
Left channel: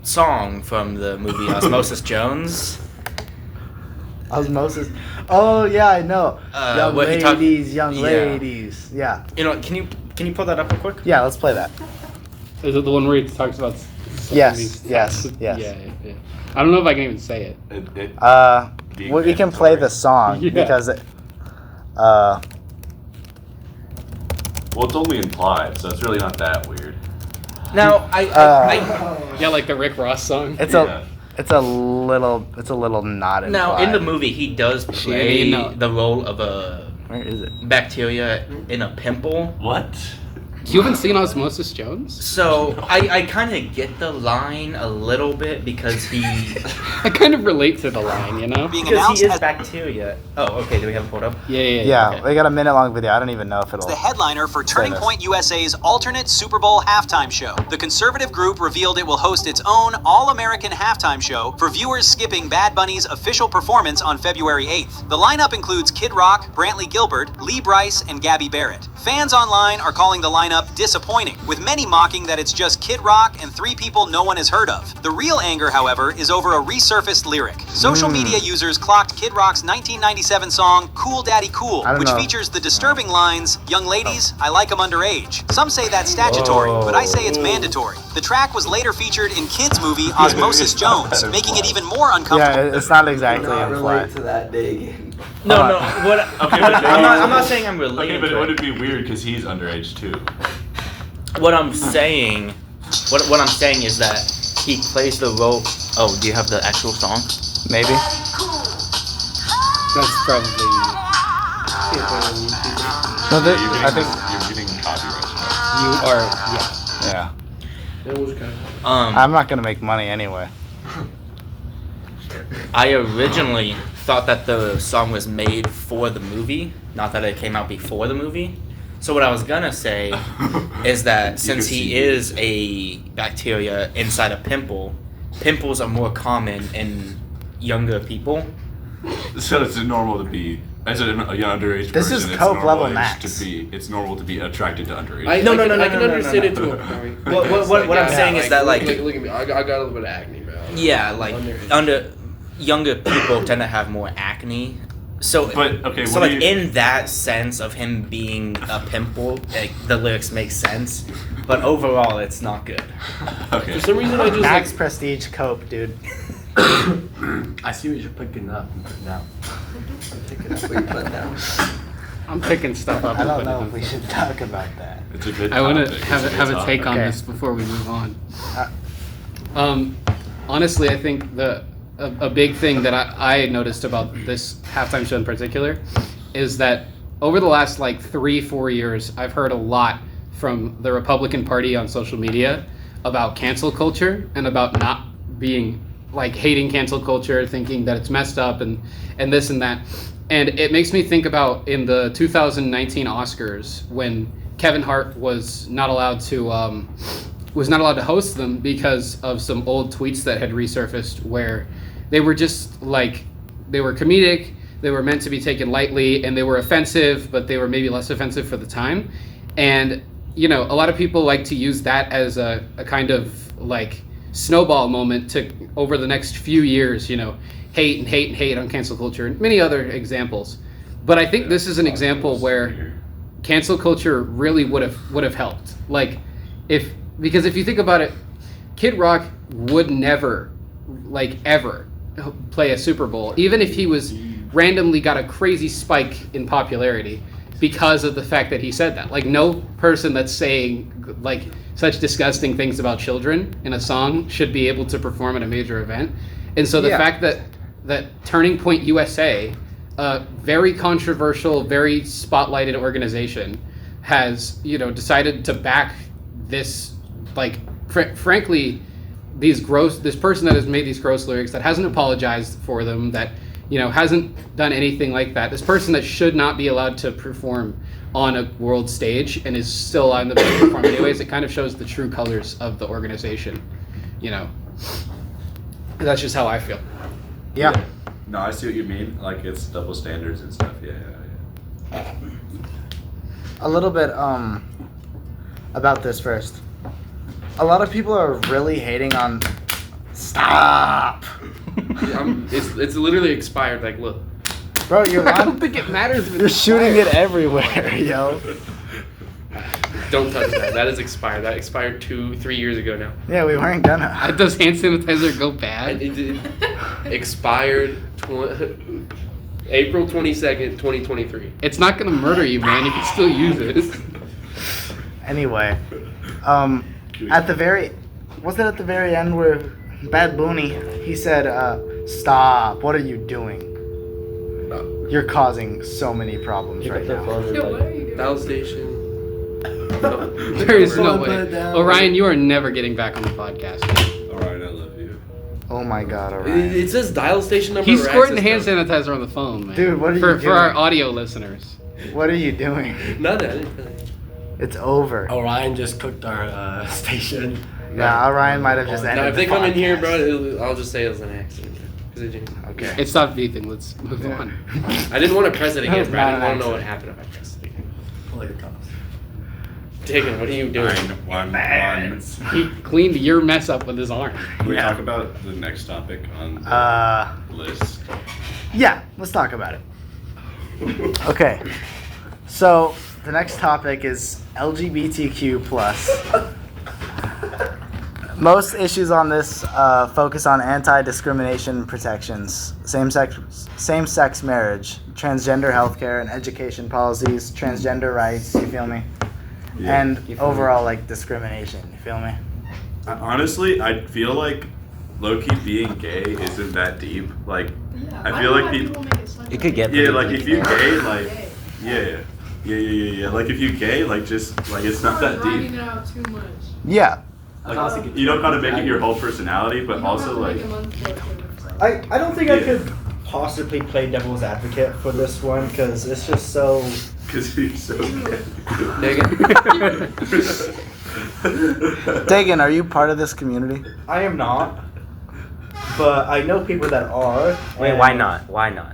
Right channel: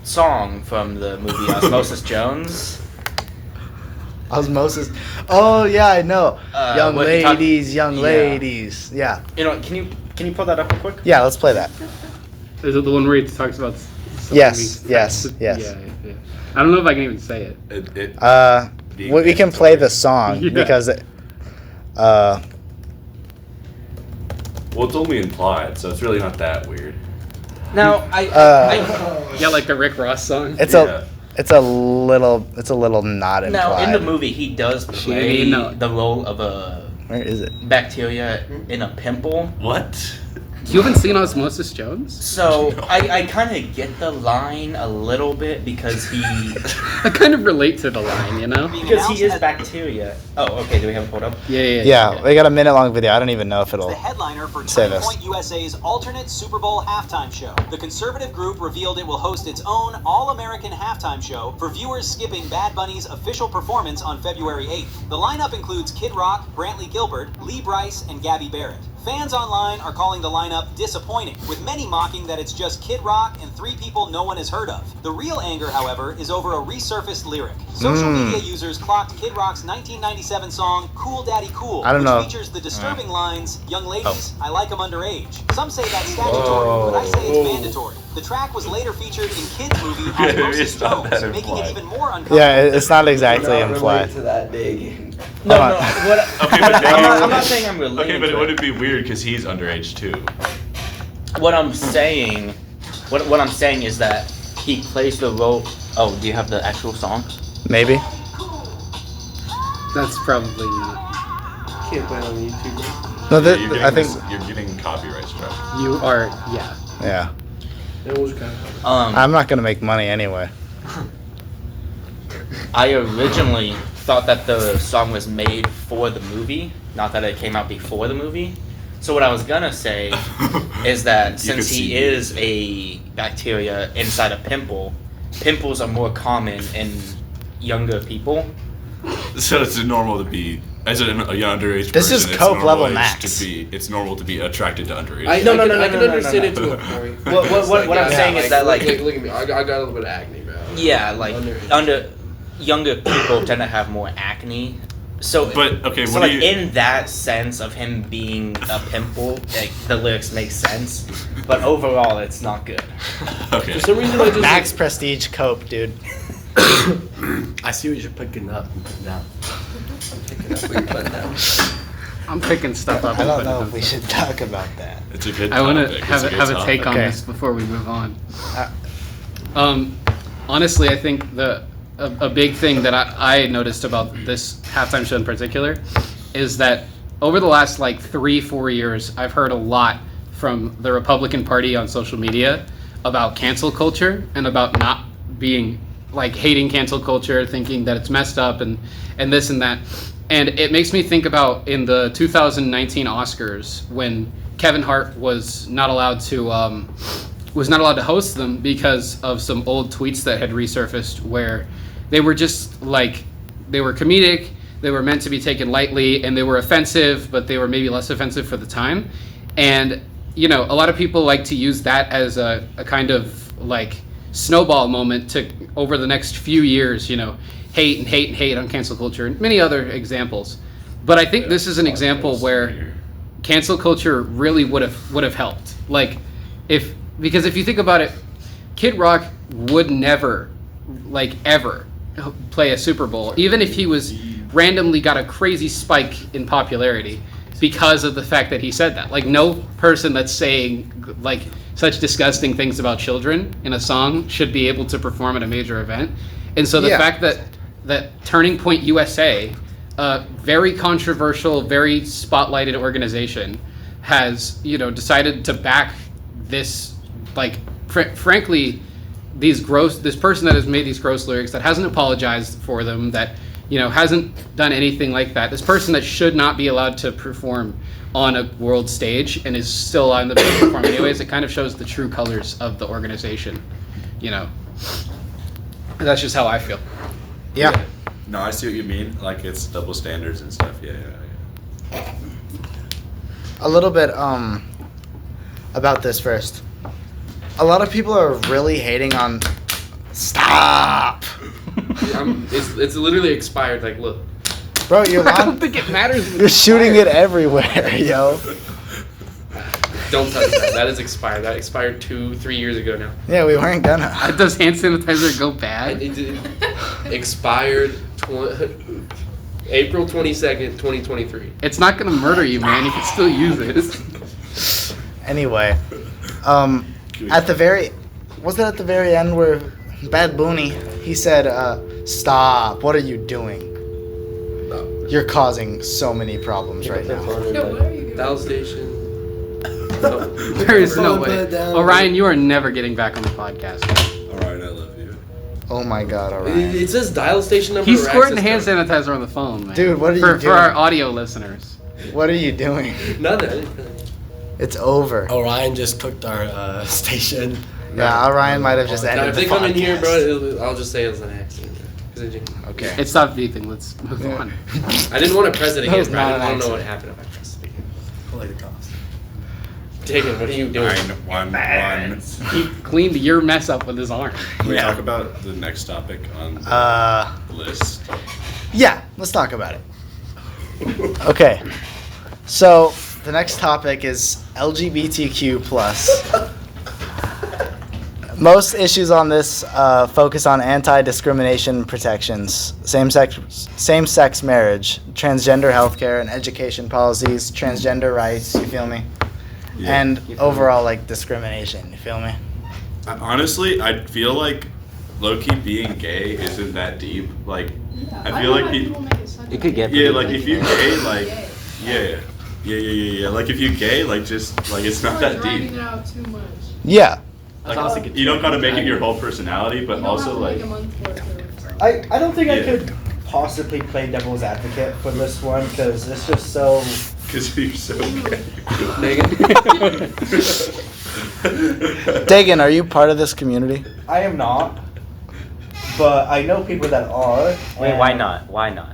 song from the movie Osmosis Jones. Osmosis. Oh yeah, I know. Young what he talk- ladies, young Yeah. ladies. Yeah. You know, can you pull that up real quick? Yeah, let's play that. Is it the one where he talks about? Yes, yes, yes. Yeah. I don't know if I can even say it. Being We can play the song Yeah. because Well, it's only implied, so it's really not that weird. Now, Yeah, like the Rick Ross song. it's Yeah. it's a little not implied. now in the movie he does play no. the role of a Where is it? bacteria in a pimple. What? You haven't seen Osmosis Jones? So I kind of get the line a little bit because he I kind of relate to the line, you know? because he is bacteria. Oh, okay. Do we have it pulled up? Yeah. Yeah, okay. we got a minute-long video. I don't even know if it'll. The headliner for Say Turning this. Point USA's alternate Super Bowl halftime show. The conservative group revealed it will host its own all-American halftime show for viewers skipping Bad Bunny's official performance on February 8th. The lineup includes Kid Rock, Brantley Gilbert, Lee Brice, and Gabby Barrett. Fans online are calling the lineup disappointing, with many mocking that it's just Kid Rock and 3 people no one has heard of. The real anger, however, is over a resurfaced lyric. Social media users clocked Kid Rock's 1997 song Cool Daddy Cool, I don't which know. features the disturbing lines, "Young ladies, I like 'em underage." Some say that's statutory, but I say it's mandatory. The track was later featured in Kid's movie Osmosis Jones, making it even more uncomfortable. Yeah, it's not exactly implied. to that day. No, Hold no. on. What, Okay, but I'm not saying I'm relating. Okay, but to would it be weird because he's underage too? What I'm saying, what I'm saying is that he plays the role. Oh, do you have the actual song? Maybe. That's probably. can't find it on YouTube. No, You're I think. getting copyright strike. You are, yeah. Yeah. It was kind of. I'm not gonna make money anyway. I originally thought that the song was made for the movie, not that it came out before the movie. So what I was gonna say is that You since could he see is a bacteria inside a pimple, pimples are more common in younger people. So it's normal to be as a young underage. This is person, it's Coke level normalized max. To be, it's normal to be attracted to underage. I No, can no, understand no, it no. to a point. What I'm saying is that, like- look at me. I got a little bit of acne, bro. Yeah, like younger people tend to have more acne. So, But, okay, so what like do you- in that sense of him being a pimple, like the lyrics make sense, but overall it's not good. Okay. For some reason, I just Max Prestige Coke, dude. I see what you're picking up now. I'm picking stuff up I and don't putting it know on. if we should talk about that. It's a good I want topic. to It's have good a take topic. on Okay. this before we move on. Uh, Honestly, I think a big thing that I noticed about this halftime show in particular is that over the last like 3-4 years, I've heard a lot from the Republican Party on social media about cancel culture and about not being like hating cancel culture, thinking that it's messed up and this and that. And it makes me think about in the 2019 Oscars when Kevin Hart was not allowed to host them because of some old tweets that had resurfaced where they were just like, they were comedic, they were meant to be taken lightly, and they were offensive, but they were maybe less offensive for the time. And, you know, a lot of people like to use that as a kind of like snowball moment to, over the next few years, you know, hate and hate and hate on cancel culture and many other examples. But I think this is an example where cancel culture really would have helped. Like, because if you think about it, Kid Rock would never, like ever, play a Super Bowl, even if he was randomly got a crazy spike in popularity because of the fact that he said that. Like, no person that's saying like such disgusting things about children in a song should be able to perform at a major event. And so the fact that Turning Point USA, a very controversial, very spotlighted organization, has, you know, decided to back this, like, frankly, this person that has made these gross lyrics, that hasn't apologized for them, that, you know, hasn't done anything like that. This person that should not be allowed to perform on a world stage and is still allowed to perform anyways. It kind of shows the true colors of the organization, you know. That's just how I feel. Yeah. No, I see what you mean. Like, it's double standards and stuff. Yeah. A little bit about this first. A lot of people are really hating on. Stop, It's literally expired. Like, look. bro. You're I don't think it matters. if you're it's shooting expired. it everywhere, yo. Don't touch that. That is expired. That expired 2-3 years ago now. Yeah, we weren't gonna. Does hand sanitizer go bad? It expired April 22nd, 2023. It's not gonna murder you, man. You can still use it. Anyway, at the very end where Bad Bunny, he said, "Stop! What are you doing? You're causing so many problems right now." Yo, what are you doing? Dial station. There is no way. Orion, you are never getting back on the podcast. All right, I love you. Oh my God, Orion. It says dial station number. He's or squirting access hand code. sanitizer on the phone, man. Dude, what are you for doing? our audio listeners? What are you doing? Nothing. It's over. Orion just cooked our station. Yeah, Orion might have just ended. Now, if they the come in here, podcast. bro, I'll just say it was an accident. 'Cause it didn't- Okay. It stopped beeping. Let's move on. I didn't want to press it That was again, bro. I not didn't an want to know what accident. happened if I pressed it again. Later comes. Diggin, what are you doing? One. He cleaned your mess up with his arm. Can we Yeah. talk about the next topic on the list? Yeah, let's talk about it. Okay. So the next topic is LGBTQ plus. Most issues on this focus on anti-discrimination protections, same-sex marriage, transgender healthcare and education policies, transgender rights. You feel me? Yeah. And overall, like, discrimination. You feel me? Honestly, I feel like low-key being gay isn't that deep. Like, Yeah, I don't feel know like why people. make it such You a could get big Yeah, deal. like if you're gay, like, Gay. yeah. Like if you're gay, like just like it's not You're that dragging deep. it out too much. Yeah. Like you don't gotta make it your whole personality, but You don't also have to like make him uncultured. I don't think I Yeah. could possibly play devil's advocate for this one because it's just so. because you're so gay. Dagan, are you part of this community? I am not, but I know people that are. Wait, and- why not? Why not?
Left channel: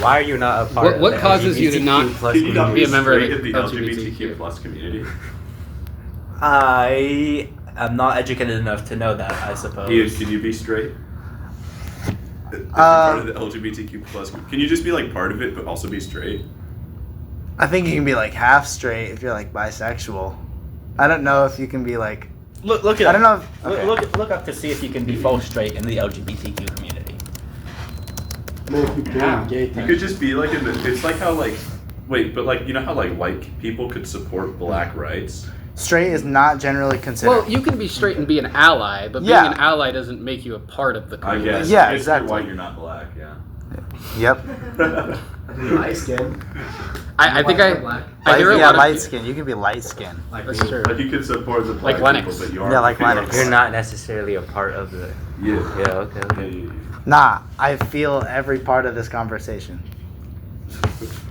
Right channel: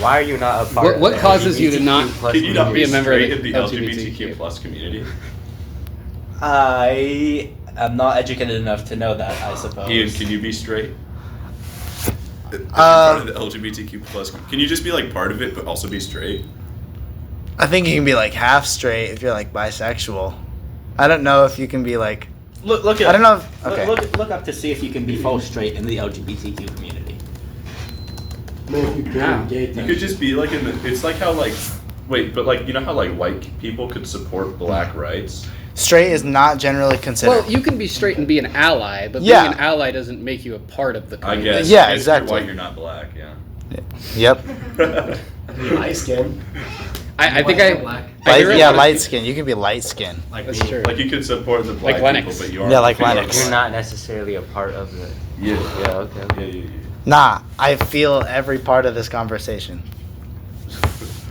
Why are you not a part What- of what the causes you to not- LGBTQ plus Can you not Be be a member of straight in the the LGBTQ LGBTQ plus community? I am not educated enough to know that, I suppose. Ian, can you be straight? If you're part of the LGBTQ plus, can you just be like part of it but also be straight? I think you can be like half straight if you're like bisexual. I don't know if you can be like. Look it I up. don't know. If, okay. Look up to see if you can be full straight in the LGBTQ community. Make you gay. You could just be like it's like how like wait, but like you know how like white people could support black rights? Straight is not generally considered. Well, you can be straight and be an ally, but Yeah. being an ally doesn't make you a part of the I community. guess. Yeah, I guess exactly. If you're white, you're not black. Yeah. Yep. Light skin. I think White, I black. hear a yeah, lot of light people- skin. You can be light skin. Like That's me. true. Like you could support the black Like Lennox. people, but you are. Yeah, like you are Lennox. You're black. not necessarily a part of the. Yeah. Yeah. Okay. Yeah, yeah, yeah. Nah, I feel every part of this conversation.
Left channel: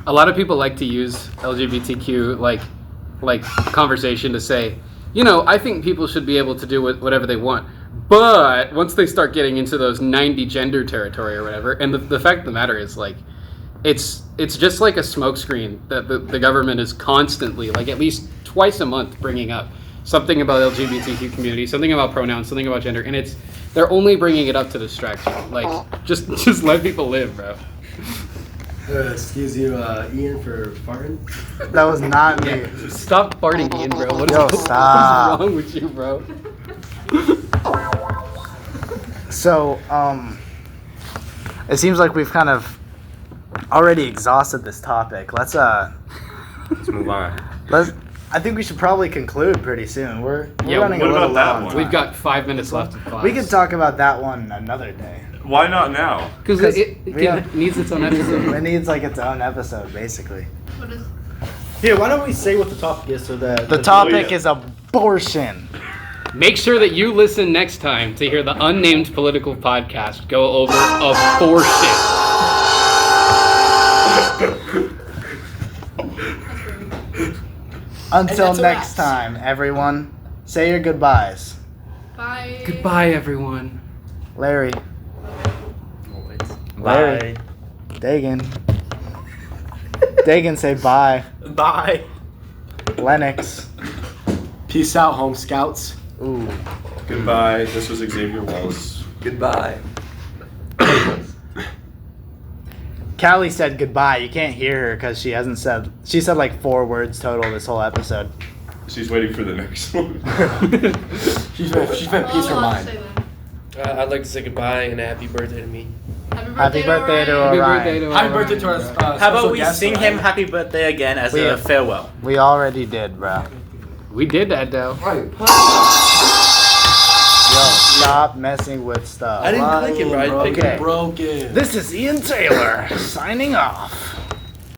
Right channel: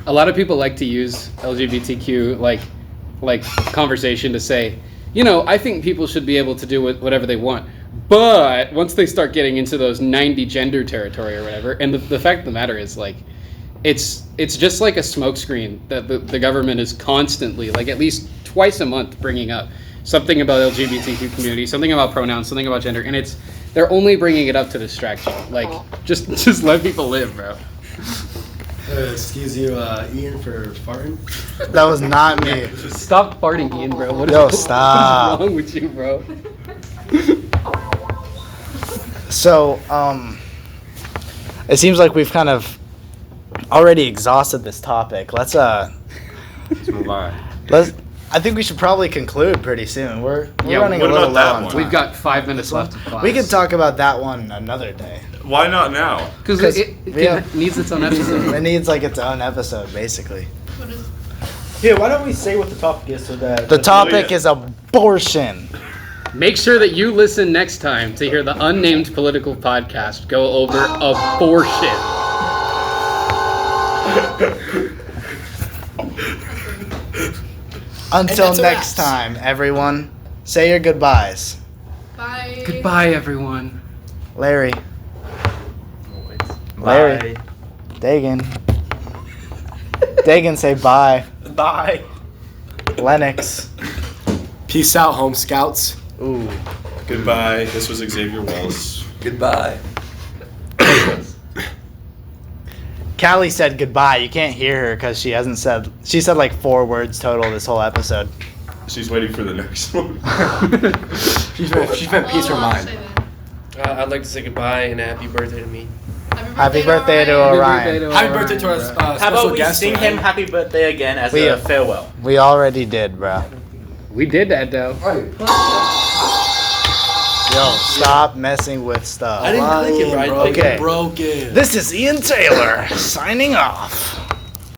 A lot of people like to use LGBTQ like conversation to say, you know, I think people should be able to do whatever they want. But once they start getting into those 90 gender territory or whatever, and the fact of the matter is like, it's just like a smokescreen that the government is constantly, like at least twice a month, bringing up something about LGBTQ community, something about pronouns, something about gender, and they're only bringing it up to distract you. Like, just let people live, bro. Excuse you, Ian, for farting. That was not me. Stop farting, Ian, bro. What is, Yo, what is stop. wrong with you, bro? So, it seems like we've kind of already exhausted this topic. Let's move on. I think we should probably conclude pretty soon. We're Yeah, running a what little about low that on one? time. We've got 5 minutes left of class. We could talk about that one another day. Why not now? Because it yeah. needs its own episode. It needs like its own episode, basically. What is? Here, why don't we say what the topic is so that The topic is abortion. Make sure that you listen next time to hear the unnamed political podcast go over abortion. Until that's a next wrap. time, everyone, say your goodbyes. Bye. Goodbye, everyone. Larry, Larry. Bye. Dagan. Dagan, say bye. Bye. Lennox. Peace out, home scouts. Ooh. Goodbye. This was Xavier Wells. Goodbye. Callie said goodbye. You can't hear her because she hasn't said. She said like 4 words total this whole episode. She's waiting for the next one. She's been peace her I'll mind. say that. I'd like to say goodbye and happy birthday to me. Happy birthday, to Orion. Orion. Happy birthday to our How special about we guest. sing Ryan. him happy birthday again as We- a farewell? We already did, bro. We did that, though. Yo, stop messing with stuff. I didn't click it, right? Okay. Broken. This is Ian Taylor signing off.